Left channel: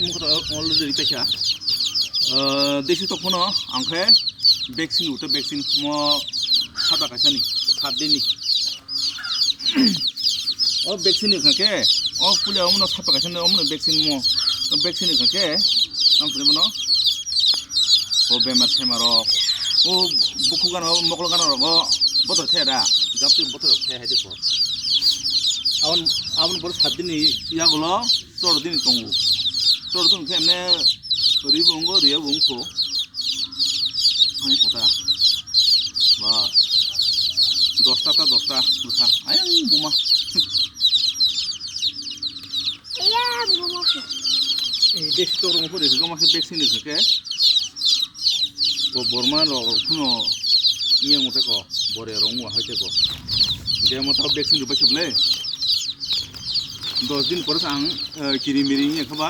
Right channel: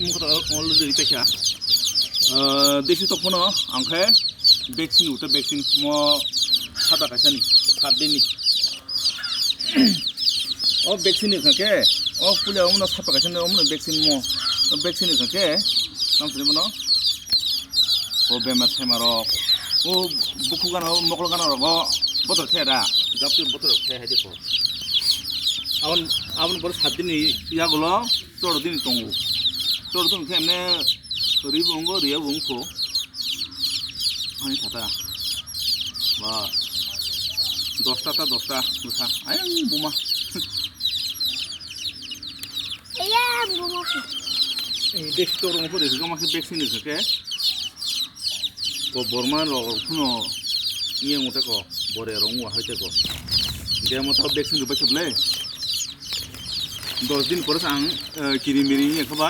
मुखत अलरेडी पैसा देसी तो फोन आंखे वैक्सीन उठे वैक्सीन मो खाता कैसा सात दिन ओ वैक्सीन के ओ पुलिया हमने साता कैसा हमने वैक्सीन मो वैक्सीन के नाम सुने मनो ओ बेमार सेमार ओ बुकु गाना मकल गाना रगो बतर खेरा जापति बतर खे है देखो आवन बर सात दिन यागलो 14 दिन तंगो 14 दिन खेमने रिबुंगो रिया बुंगको हानि थाता बा 10टा बुसा आयं बुमा Ayam bumo. देश तो रंग पर इसका मासे वैक्सीन के को बर्मा रो कुनो ये मोटे को बोरे रंग वाहते को दे मोटा वैक्सीन रुपए चबले 10 दिन पर सांग किरी मिरी ये खबा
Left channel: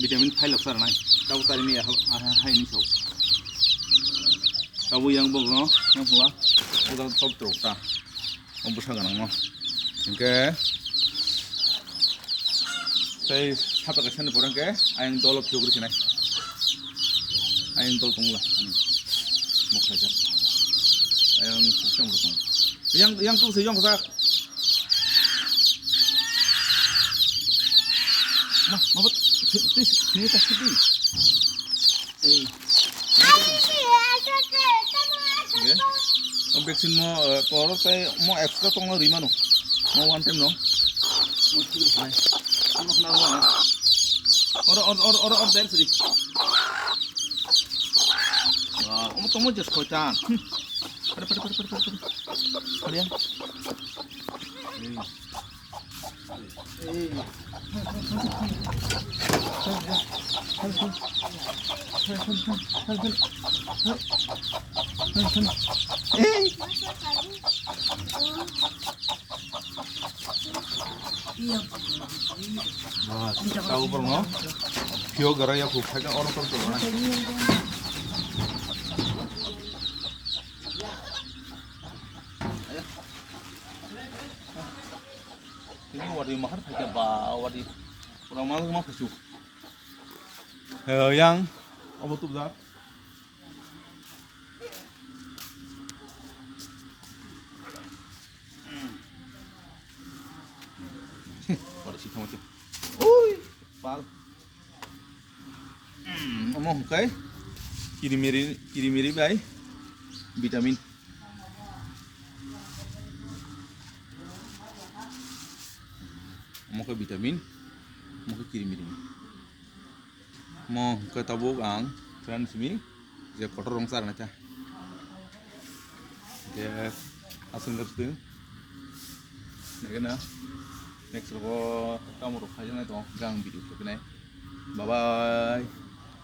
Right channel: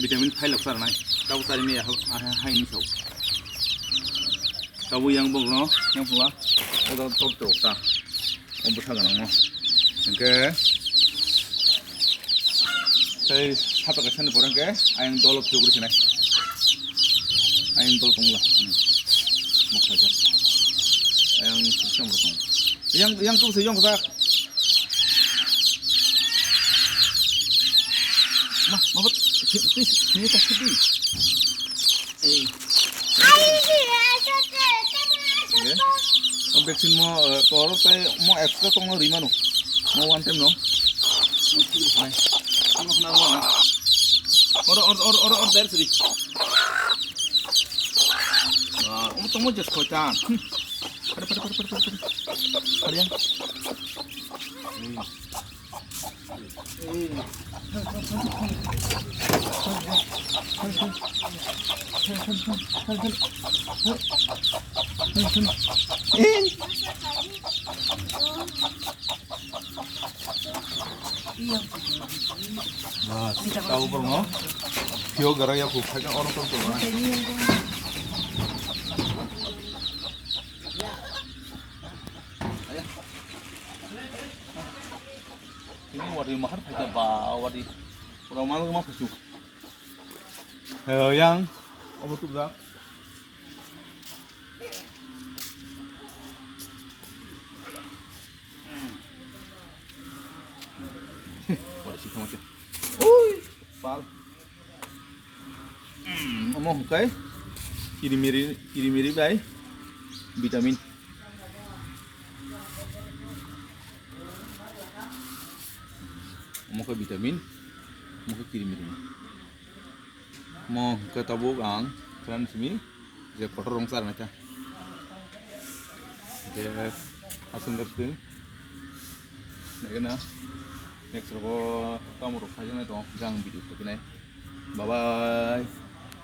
विटामिन फाइल लक्सर नाय ताऊ तारी में हाय नि सौ ताऊ yang bogno yang pula odo top to ta om busa ganang no ke saya satu kesan orang ke ayam dolok juga sini ayam dolok tunggu ani mau kerja ayam kerja mau tunggu yang tuh sejong kesak mah buat sini tak sedih Om vaksin mau kalau saya mau ekstra tunggu 5 no mau one time no mau tidur sana kamu kenal mana or dari sini wah kamu tunggu just kocan pada yang Nah, tahu pernah? Vio gara ya aku pegang orang tuh mana? Ini wadi mahar pakai bawa wadi orang malu mah pesuk. Yang apa tuh dah? Ui, pal. Omong kai. Kiri-miri bay. Vitamin. Omong kai vitamin. Omong kai kiri-miri. Mo kai tabuk ang kran simi. Je kotor rongsar na cha. Je asung kerting. Nagana. Next ko kamu rok saja na to gang video ko kinai bye bye